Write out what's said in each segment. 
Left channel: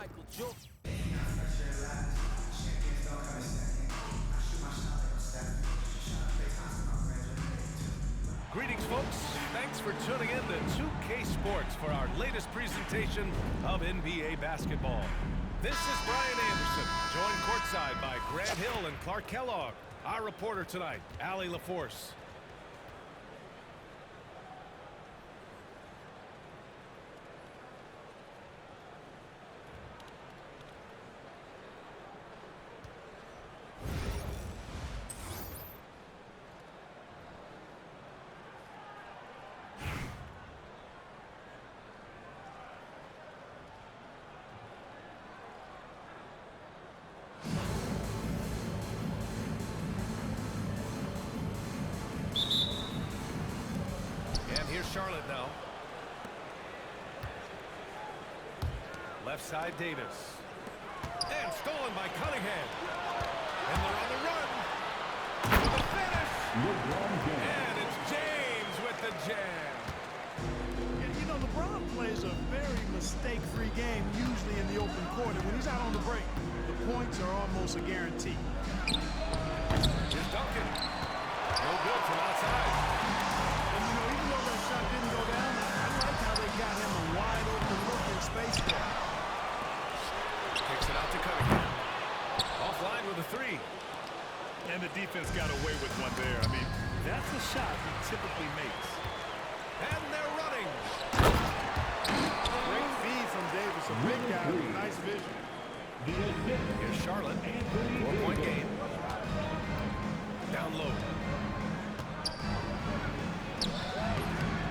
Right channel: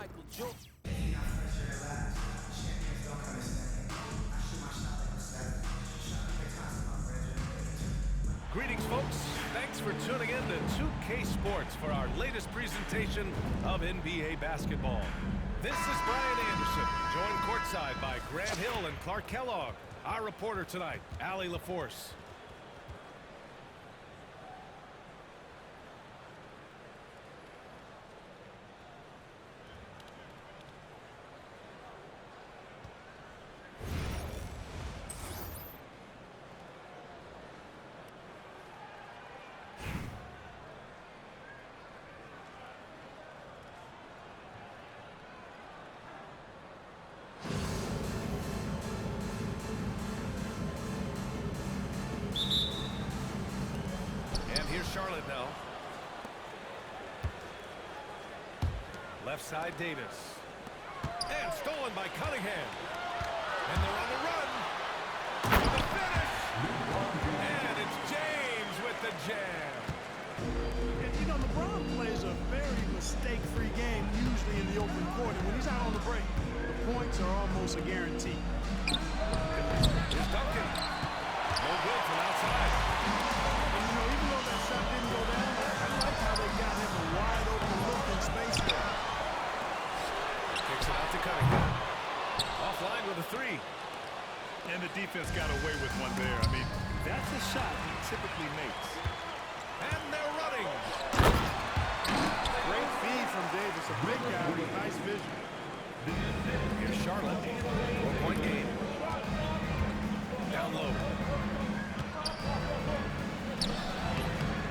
Michael Jordan. Greetings, folks. Thanks for tuning in to 2K Sports for our latest presentation of NBA basketball. This is Brian Anderson, joined courtside by Grant Hill and Clark Kellogg. Our reporter tonight, Allie LaForce. And here's Charlotte now. Left side, Davis. And stolen by Cunningham. And they're on the run. For the finish. And it's James with the jam. You know, LeBron plays a very mistake-free game, usually in the open court. And when he's out on the break, the points are almost a guarantee. Here's Duncan. No good from outside. And, you know, even though that shot didn't go down, I like how they got him a wide-open look in space there. Kicks it out to Cunningham. Offline with a three. And the defense got away with one there. I mean, that's the shot he typically makes. And they're running. Great feed from Davis, a big guy with nice vision. Here's Charlotte. 4-point game. Down low.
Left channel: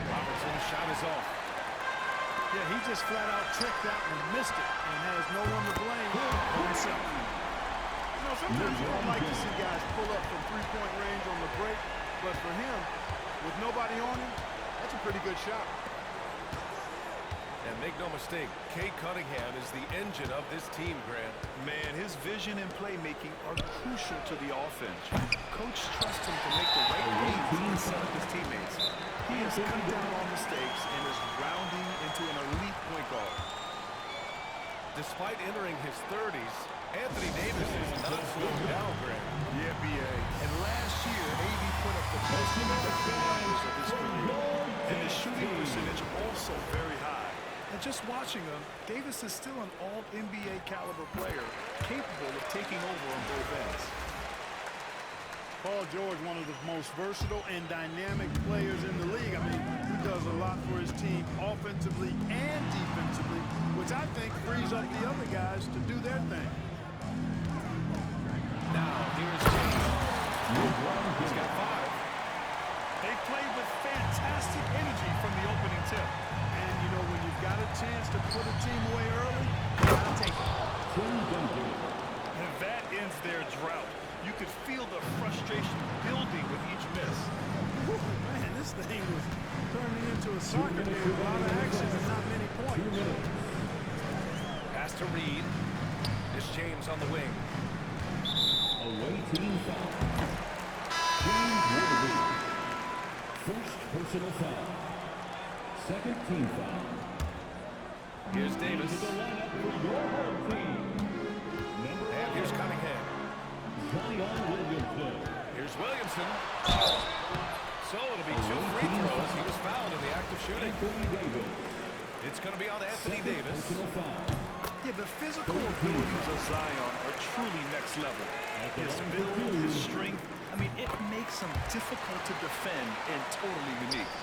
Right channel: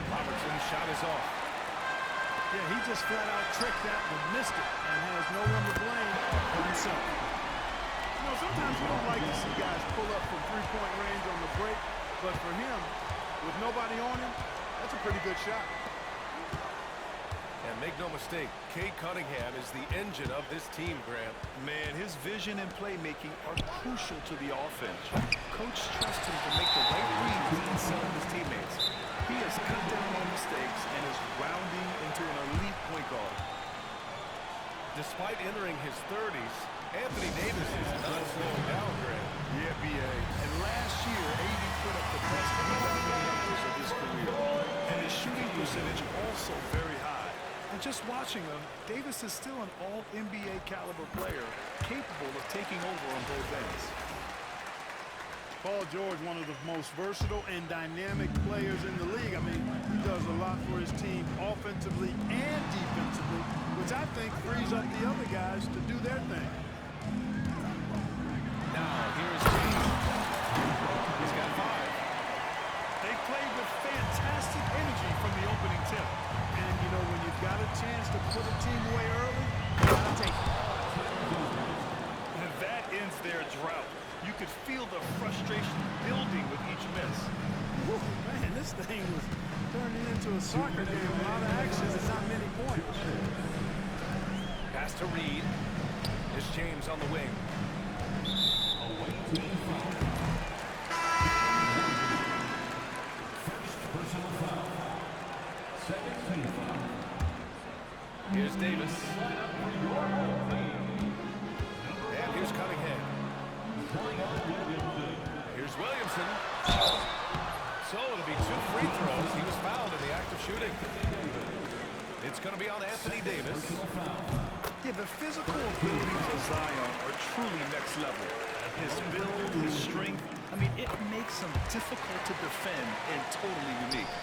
Robertson's shot is off. Yeah, he just flat out tricked that one, missed it, and has no one to blame but himself. You know, sometimes you don't like to see guys pull up from three-point range on the break, but for him, with nobody on him, that's a pretty good shot. And make no mistake, Cade Cunningham is the engine of this team, Grant. Man, his vision and playmaking are crucial to the offense. Coach trusts him to make the right reads and set up his teammates. He has cut down on mistakes and is rounding into an elite point guard. Despite entering his 30s, Anthony Davis is not slowing down, Grant. Yeah, B.A. And last year, AD put up the best rebounding numbers of his career. And his shooting percentage also very high. And just watching him, Davis is still an all-NBA caliber player, capable of taking over on both ends. Paul George, one of the most versatile and dynamic players in the league. I mean, he does a lot for his team offensively and defensively, which I think frees up the other guys to do their thing. Now, here is James. He's got 5. They played with fantastic energy from the opening tip. And, you know, when you've got a chance to put a team away early, you got to take it. And that ends their drought. You could feel the frustration building with each miss. Whew, man, this thing was turning into a soccer game. A lot of action and not many points. Pass to Reed. It's James on the wing. Away team foul. Team Warriors. First personal foul. Second team foul. Here's Davis. And here's Cunningham. Here's Williamson. So it'll be 2 free throws. He was fouled in the act of shooting. It's going to be on Anthony Davis. Yeah, the physical abilities of Zion are truly next level. His build, his strength, I mean, it makes him difficult to defend and totally unique.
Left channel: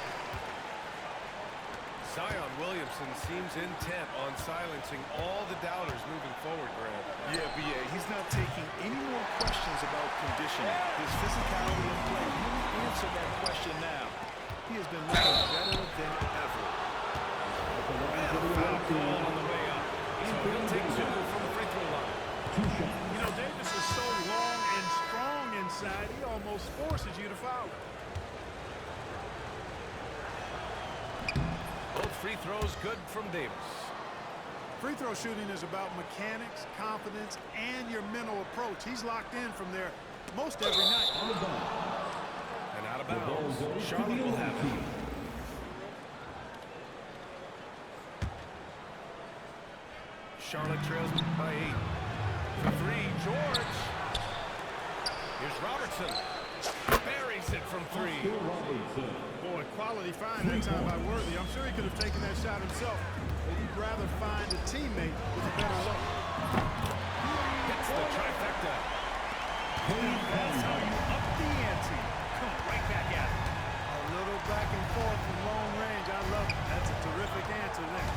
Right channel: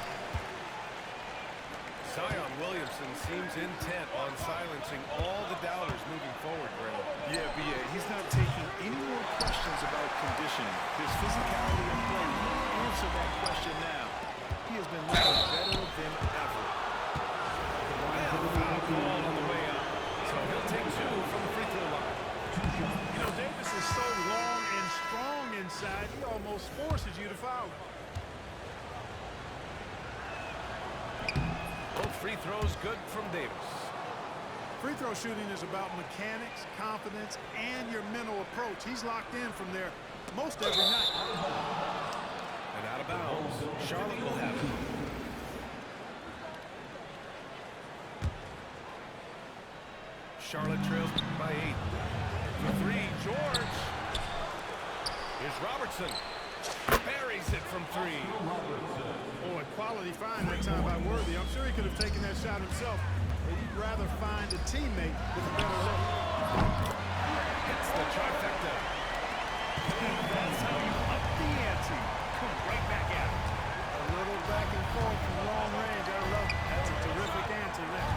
Zion Williamson seems intent on silencing all the doubters moving forward, Grant. Yeah, B.A., he's not taking any more questions about conditioning. His physicality and play really answer that question now. He has been looking better than ever. And foul call on the way up. So he'll take 2 from the free throw line. You know, Davis is so long and strong inside, he almost forces you to foul him. Both free throws good from Davis. Free throw shooting is about mechanics, confidence, and your mental approach. He's locked in from there most every night. And out of bounds. Charlotte will have it. Charlotte trails by 8. For 3, George. Here's Robertson. Buries it from 3. Boy, quality find that time by Worthy. I'm sure he could have taken that shot himself, but he'd rather find a teammate with a better look. Hits the trifecta. That's how you up the ante. Come right back at it. A little back and forth from long range. I love it. That's a terrific answer there.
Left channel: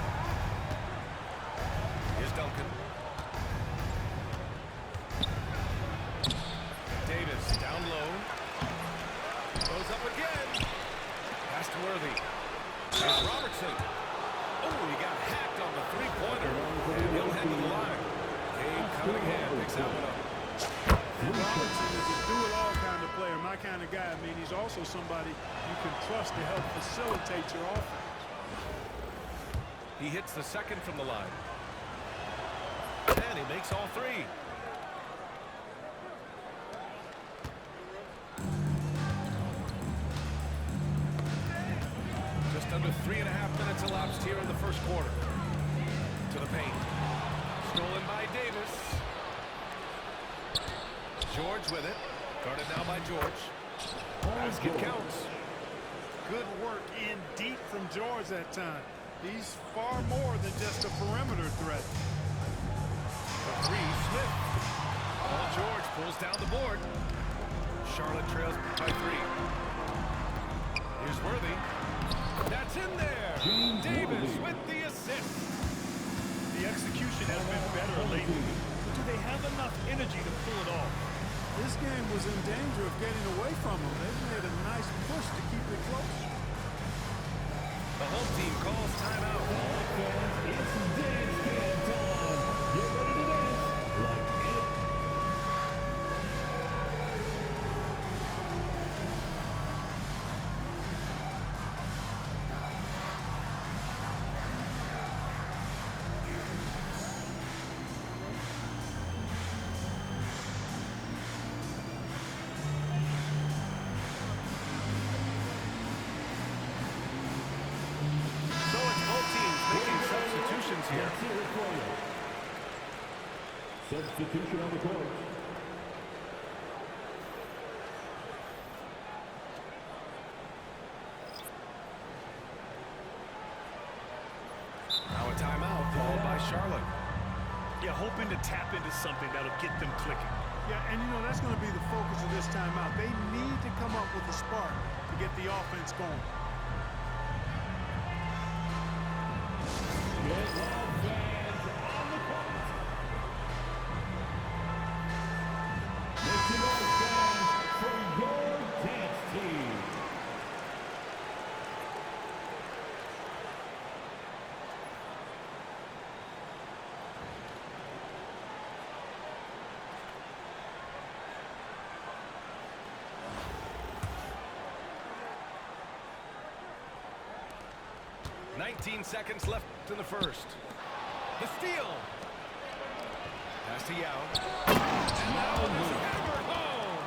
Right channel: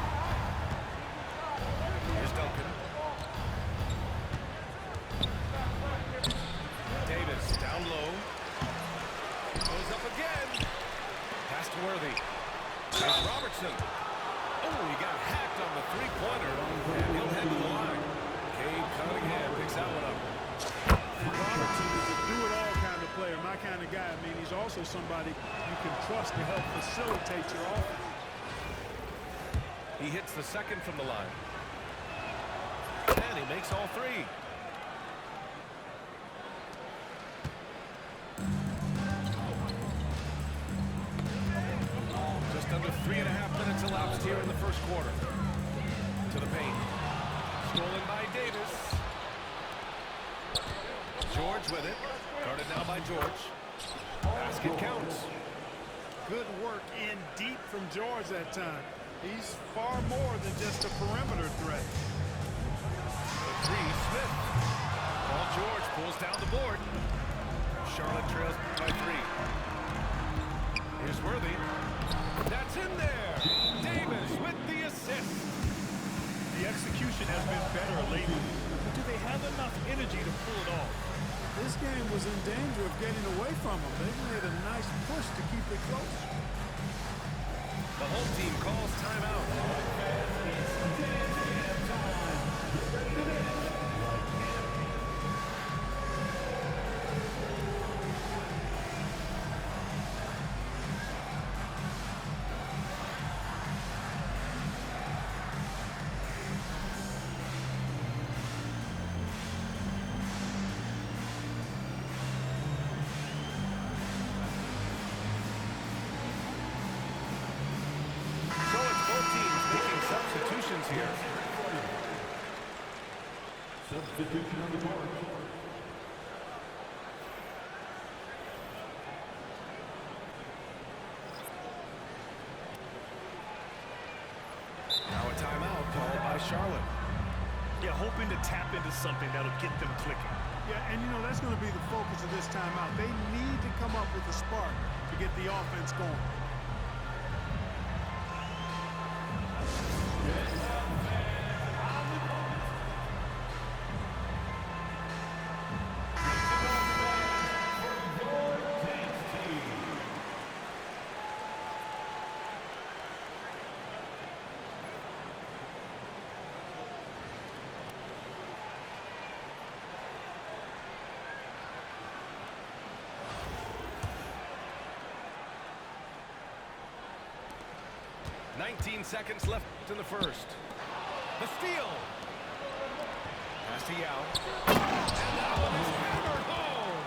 Here's Duncan. Davis down low. Goes up again. Pass to Worthy. Here's Robertson. Oh, he got hacked on the three-pointer, and he'll head to the line. Cade Cunningham picks that one up. And Robertson is a do-it-all kind of player, my kind of guy. I mean, he's also somebody you can trust to help facilitate your offense. He hits the second from the line. And he makes all 3. Just under 3.5 minutes elapsed here in the first quarter. To the paint. Stolen by Davis. George with it. Guarded now by George. Basket counts. Good work in deep from George that time. He's far more than just a perimeter threat. For 3, Smith. Paul George pulls down the board. Charlotte trails by 3. Here's Worthy. That's in there. Davis with the assist. The execution has been better lately, but do they have enough energy to pull it off? This game was in danger of getting away from them. They've made a nice push to keep it close. The home team calls timeout. Substitutions here. Substitution on the court. Now a timeout called by Charlotte. Yeah, hoping to tap into something that'll get them clicking. Yeah, and you know, that's going to be the focus of this timeout. They need to come up with a spark to get the offense going. .19 seconds left in the first. The steal. Pass to Yao. And that one is hammered home.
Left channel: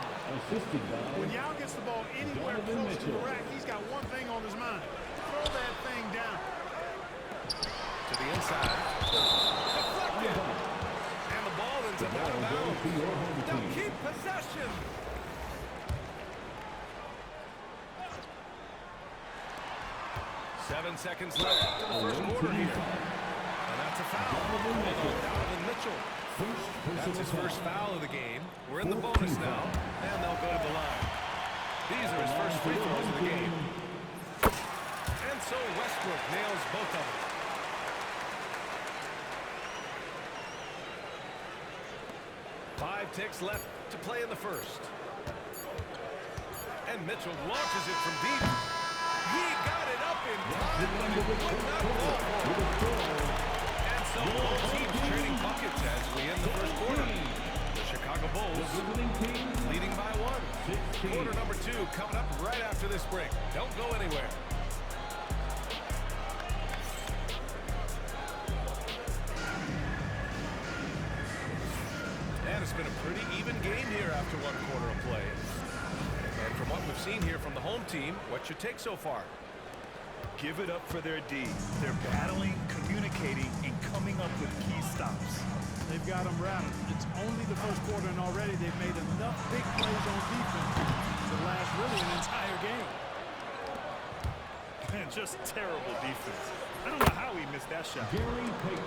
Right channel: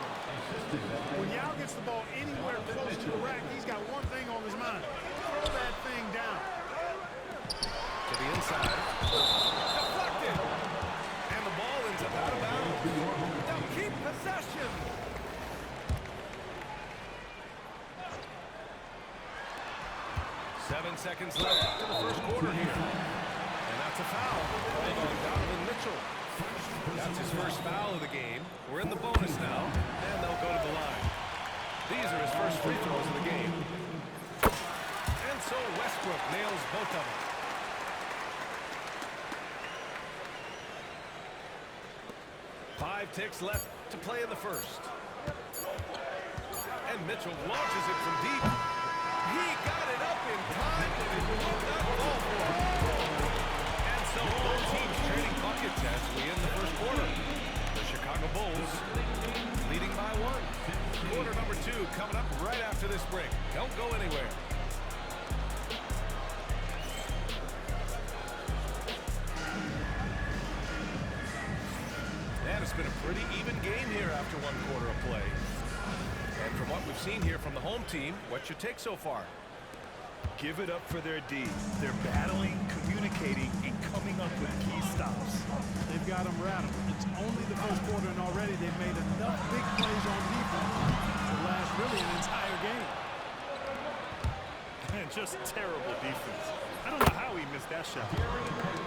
Assisted by When Yao gets the ball anywhere close to the rack, he's got one thing on his mind. Throw that thing down. To the inside. Deflected. And the ball ends up out of bounds. They'll keep possession. Seven seconds left in the first quarter here. And that's a foul. Called on Donovan Mitchell. That's his first foul of the game. We're in the bonus now, and they'll go to the line. These are his first free throws of the game. And so Westbrook nails both of them. Five ticks left to play in the first. And Mitchell launches it from deep. He got it up in time, but it would not fall for him. And so both teams trading buckets as we end the first quarter. The Chicago Bulls leading by 1. Quarter number 2 coming up right after this break. Don't go anywhere. And it's been a pretty even game here after one quarter of play. And from what we've seen here from the home team, what's your take so far? Give it up for their D. They're battling, communicating, and coming up with key stops. They've got them rattled. It's only the first quarter, and already they've made enough big plays on defense to last really an entire game. And just terrible defense. I don't know how he missed that shot.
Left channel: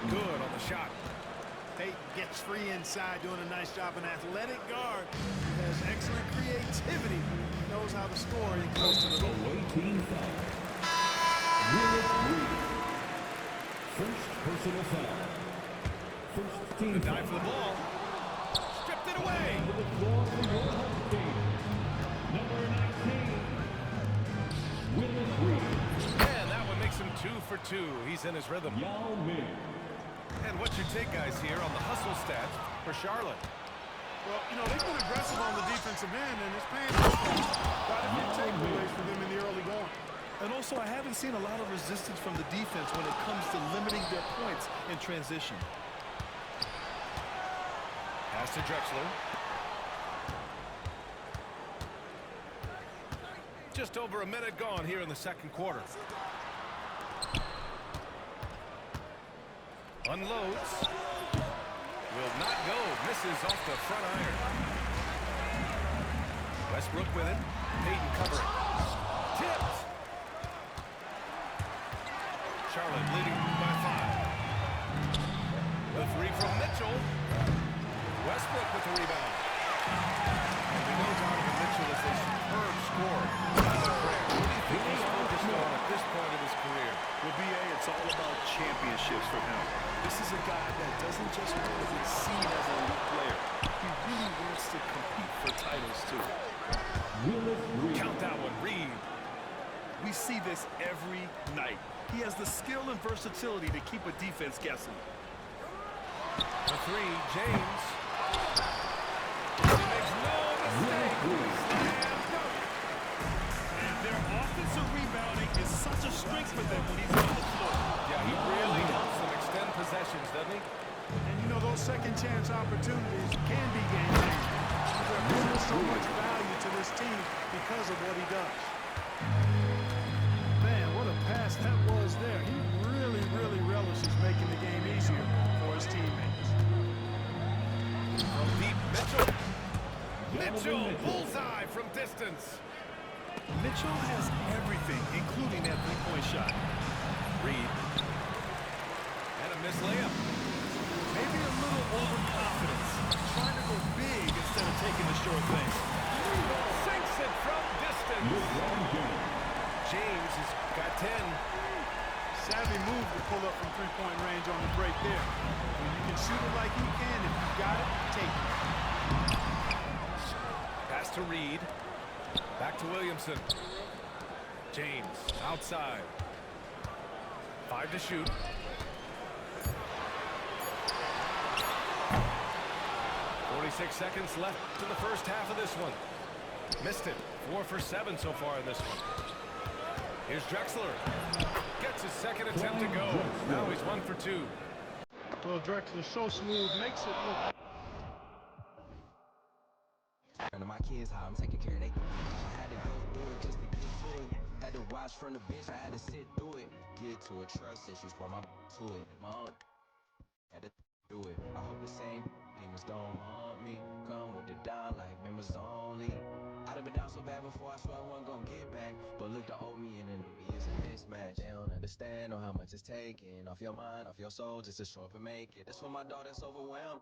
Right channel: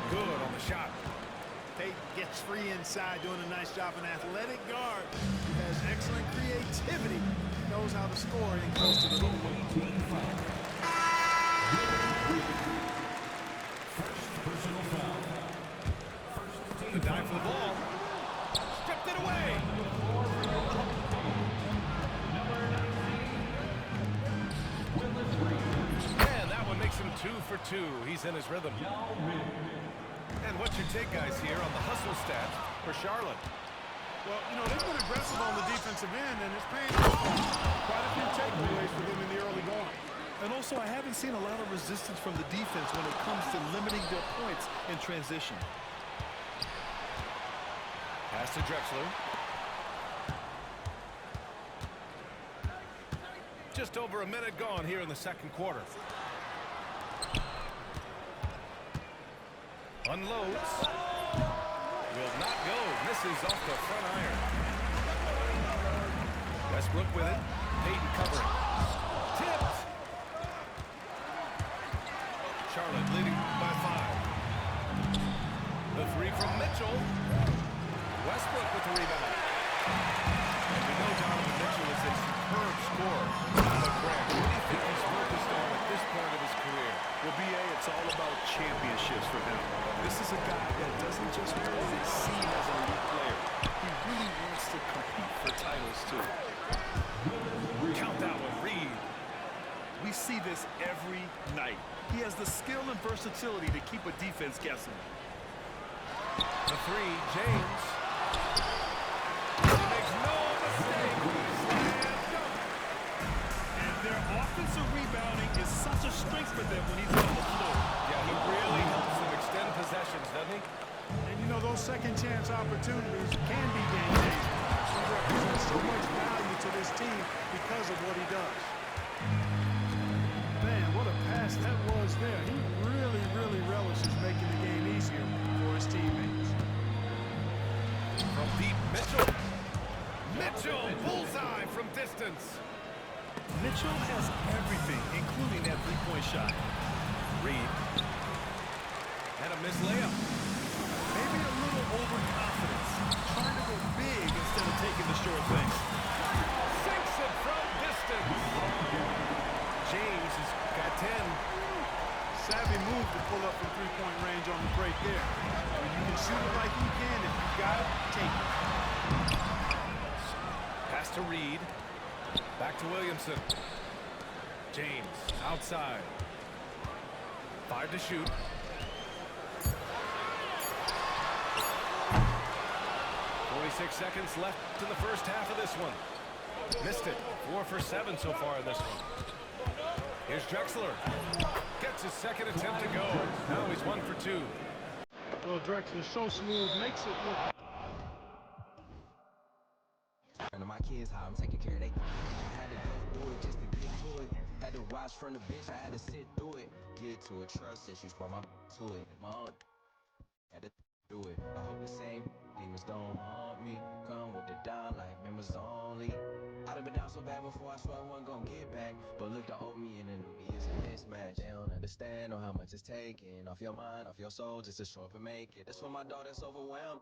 Good on the shot. Payton gets free inside, doing a nice job. An athletic guard who has excellent creativity. He knows how to score and close to the hoop. First personal foul. First team The dive for the ball. Stripped it away. And that one makes him 2 for 2. He's in his rhythm. And what's your take, guys, here on the hustle stats for Charlotte? Well, you know, they've been aggressive on the defensive end, and it's paying off. Quite a few takeaways for them in the early going. And also, I haven't seen a lot of resistance from the defense when it comes to limiting their points in transition. Pass to Drexler. Just over a minute gone here in the second quarter. Unloads. Will not go. Misses off the front iron. Westbrook with it. Payton covering. Tipped. Charlotte leading by 5. The three from Mitchell. Westbrook with the rebound. And we know Donovan Mitchell is a superb scorer. But Grant, what do you think he's focused on at this point of his career? Well, B.A., it's all about championships for him. This is a guy that doesn't just want to be seen as an elite player. He really wants to compete for titles, too. Count that one, Reed. We see this every night. He has the skill and versatility to keep a defense guessing. The three, James. He makes no mistake. Slam dunk. And their offensive rebounding is such a strength for them when he's on the floor. Yeah, he really helps them extend possessions, doesn't he? And, you know, those second chance opportunities can be game-changing. He represents so much value to this team because of what he does. Man, what a pass that was there. He really, really relishes making the game easier for his teammates. From deep, Mitchell. Mitchell, bullseye from distance. Mitchell has everything, including that three-point shot. Reed. And a missed layup. Maybe a little overconfidence, trying to go big instead of taking the short thing. Sinks it from distance. James has got 10. Savvy move to pull up from three-point range on the break there. When you can shoot it like he can, if you've got it, take it. Pass to Reed. Back to Williamson. James outside. 5 to shoot. 46 seconds left in the first half of this one. Missed it. 4 for 7 so far in this one. Here's Drexler. Gets his second attempt to go. Now he's 1 for 2. Well, Drexler's so smooth, makes it look. And my kids, how I'm taking care of they. I had to go through it just to get to it. Had to watch from the bitch, I had to sit through it. Get to it, trust issues, brought my to it. Mom had to do it. I hope the same demons don't haunt me. Come with the down like members only. I'd have been down so bad before I swear I wasn't gonna get back. But look, the old me and the new me is a mismatch. They don't understand or how much it's taking off your mind, off your soul, just to show up and make it. That's when my daughter's overwhelmed.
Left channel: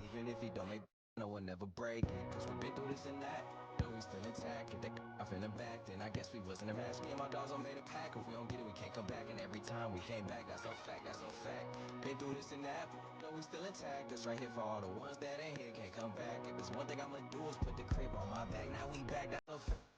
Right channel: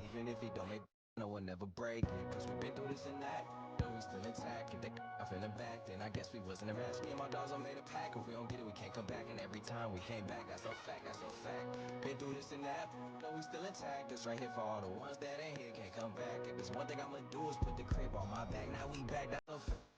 Even if he don't make no one never break it, cause we've been through this and that. Though we still intact, if they I feeling back, then I guess we wasn't a match. Me and my dogs all made a pack. If we don't get it, we can't come back. And every time we came back, that's a fact, that's a fact. Been through this and that, though we still intact. That's right here for all the ones that ain't here, can't come back. If there's one thing I'ma do is put the crib on my back. Now we back, that's a fact.